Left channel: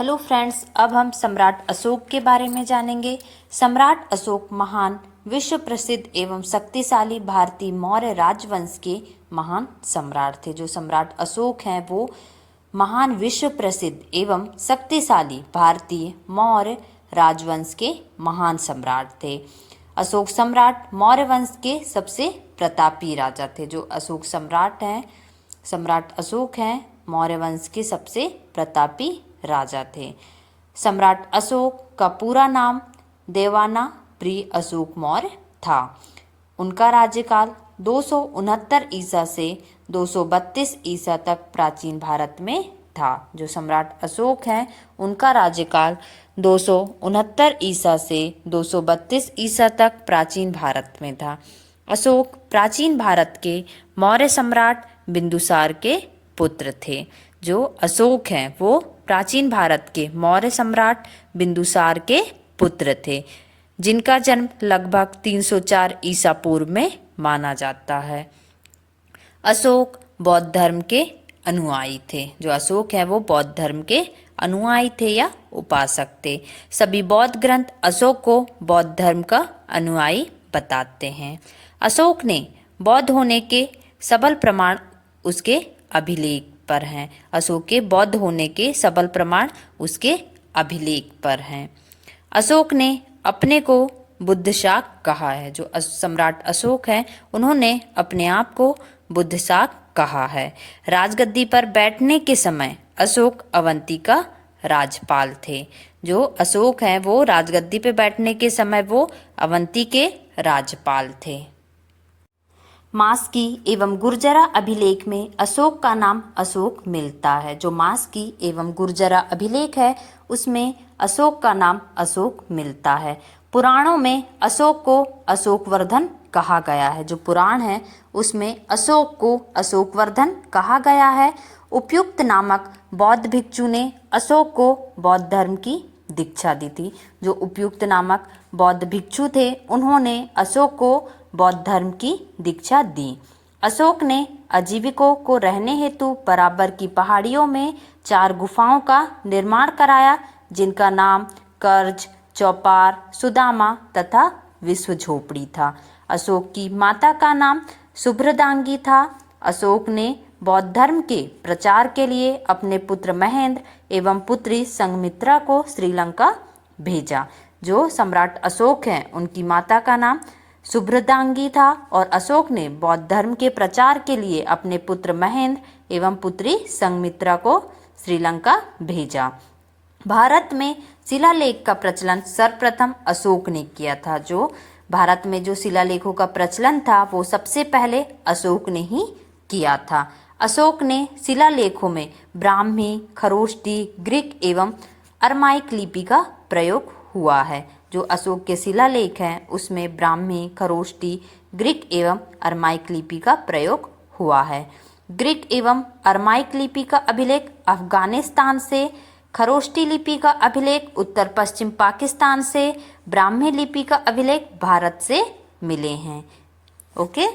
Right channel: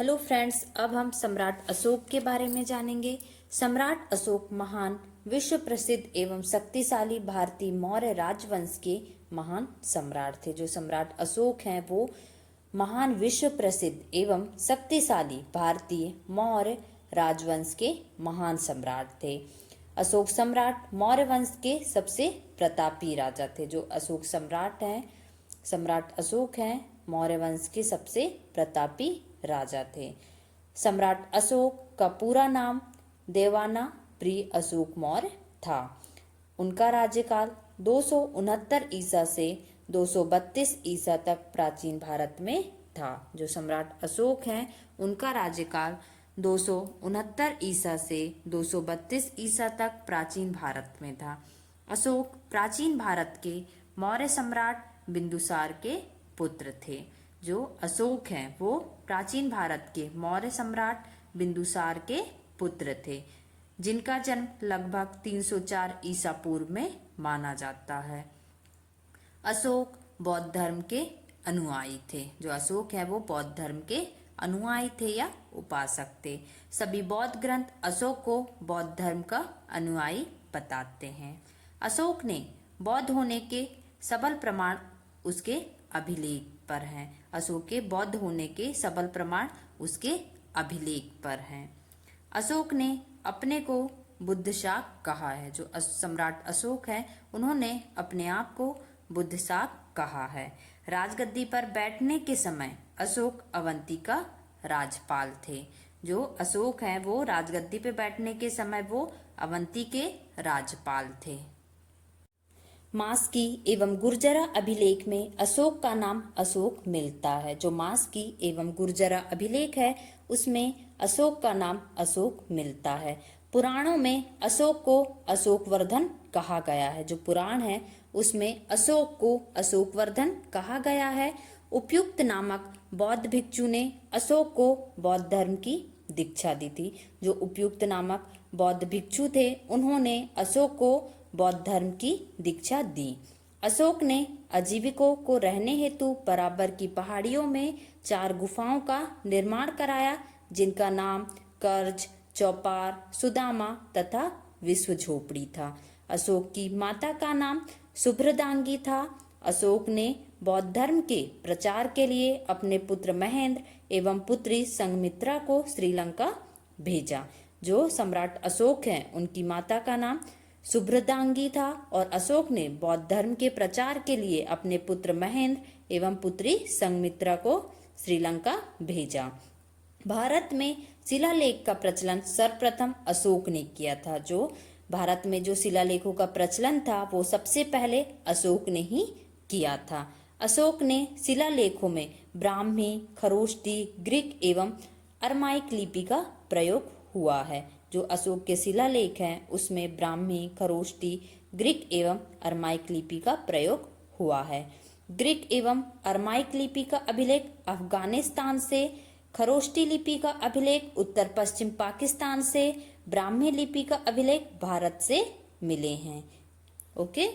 Hello friends, अब हम सम्राट अशोक के बारे में जानेंगे। सम्राट अशोक महान, विश्व प्रसिद्ध एवं शक्तिशाली भारतीय मौर्य राजवंश के महान सम्राट थे। जो सम्राट अशोक हैं वो महान, विश्व प्रसिद्ध एवं शक्तिशाली भारतीय मौर्य राजवंश के महान सम्राट थे। अशोक सम्राट मौर्य वंश के सबसे प्रतापी राजा थे। जो अशोक सम्राट हैं, सम्राट अशोक हैं, मौर्य वंश के सबसे प्रतापी राजा थे। सम्राट अशोक का पूरा नाम देवाना प्रिय अशोक मौर्य था। उनका राज्यकाल 269 ईसा से 232 ईसा तक प्राचीन भारत में था। जो सम्राट अशोक हैं उनका राज्यकाल 269 ईसा से 232 ईसा तक प्राचीन भारत में था। अशोक प्राचीन भारत के मौर्य सम्राट बिंदुसार के पुत्र थे। जो अशोक हैं वो प्राचीन भारत के मौर्य सम्राट बिंदुसार के पुत्र थे, जिनका जन्म लगभग 304 ईसा पूर्व में माना जाता है। अशोक बौद्ध धर्म के अनुयायी थे। जो अशोक है वो बौद्ध धर्म के अनुयायी थे या उपासक थे। सभी बौद्ध ग्रंथ अशोक को बौद्ध धर्म का अनुयायी बताते हैं। अशोक ने बौद्ध होने के सबल प्रमाण उसके अभिलेख पर हैं। अशोक के बौद्ध होने के सबल प्रमाण उसके अभिलेख पर हैं। अशोक ने अपने को बुद्ध शाक कहा है। जो सम्राट अशोक हैं उन्होंने अपने आप को बुद्ध शाक कहा है। राजगद्दी पर बैठने के समय अशोक अवंती का राजपाल थे। जो अशोक हैं वो राजगद्दी पे बैठने के समय वो अवंती के राजपाल थे। मास्की एवं गुर्जरा अभिलेख में अशोक का नाम अशोक मिलता है। जो मास्की एवं गुर्जरा अभिलेख है उसमें अशोक का नाम अशोक मिलता है। पुराणों में अशोक को अशोकवर्धन कहा गया है। जो पुराण है उसमें अशोक को अशोकवर्धन कहा गया है। उपयुक्त नामक बौद्ध भिक्षु ने अशोक को बौद्ध धर्म की दीक्षा दी थी। जो उपयुक्त नामक बौद्ध भिक्षु थे उन्होंने अशोक को बौद्ध धर्म की दीक्षा दी। अशोक ने आजीविकों को रहने हेतु बराबर की पहाड़ियों में 4 गुफाओं का निर्माण कराया, जिनका नाम कर्ज, चौपार, सुदामा तथा विश्व झोपड़ी था। अशोक की माता का नाम सुभ्रदांगी था। अशोक ने बौद्ध धर्म के प्रचार के लिए अपने पुत्र महेंद्र एवं पुत्री संघमित्रा को श्रीलंका भेजा। जो सम्राट अशोक हैं उनकी माता का नाम सुभ्रदांगी था और अशोक ने बौद्ध धर्म के प्रचार के लिए अपने पुत्र महेंद्र एवं पुत्री संघमित्रा को श्रीलंका भेजा। भारत में शिलालेख का प्रचलन सर्वप्रथम अशोक ने किया था। जो भारत में जो शिलालेखों का प्रचलन था वो सबसे पहले अशोक ने ही किया था। अशोक ने शिलालेखों में ब्राह्मी, खरोष्टी, ग्रीक एवं अरमाइक लिपि का प्रयोग हुआ है। जो अशोक के शिलालेख हैं उसमें ब्राह्मी, खरोष्टी, ग्रीक एवं अरमाइक लिपि का प्रयोग हुआ है। ग्रीक एवं अरमाइक लिपि का अभिलेख अफगानिस्तान से, खरोष्टी लिपि का अभिलेख उत्तर पश्चिम पाकिस्तान से, ब्राह्मी लिपि का अभिलेख भारत से मिले हैं। ओके।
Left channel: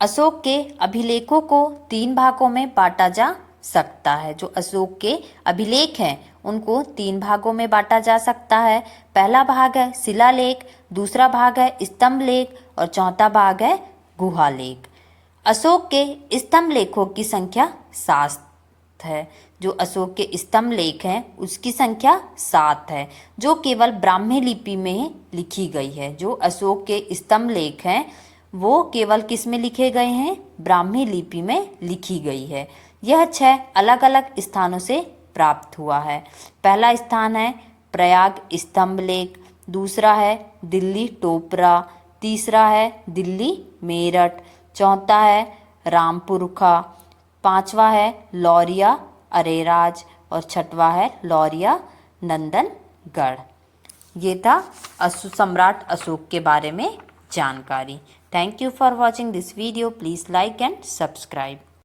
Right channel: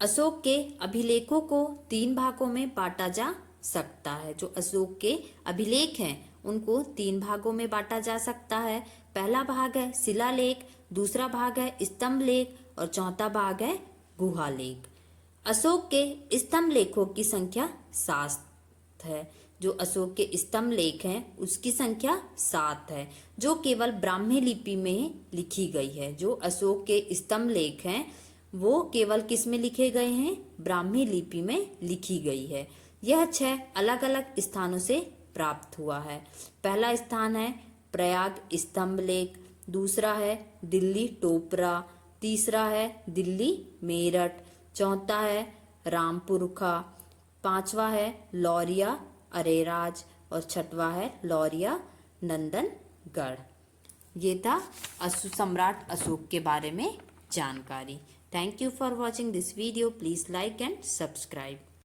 अशोक के अभिलेखों को 3 भागों में बांटा जा सकता है। जो अशोक के अभिलेख हैं उनको 3 भागों में बांटा जा सकता है। पहला भाग है शिलालेख, दूसरा भाग है स्तंभ लेख और चौथा भाग है गुहा लेख। अशोक के स्तंभ लेखों की संख्या 7 है। जो अशोक के स्तंभ लेख हैं उसकी संख्या 7 है, जो केवल ब्राह्मी लिपि में लिखी गई है। जो अशोक के स्तंभ लेख हैं वो केवल किस में लिखे गए हैं? ब्राह्मी लिपि में लिखी गई है। यह 6 अलग अलग स्थानों से प्राप्त हुआ है। पहला स्थान है प्रयाग स्तंभ लेख, दूसरा है दिल्ली टोपरा, तीसरा है दिल्ली मेरठ, चौथा है रामपुरखा, 5वां है लौरिया अरेराज और 6वां है लौरिया नंदनगढ़। ये था सम्राट अशोक के बारे में जानकारी। Thank you for watching this video. Please like and subscribe.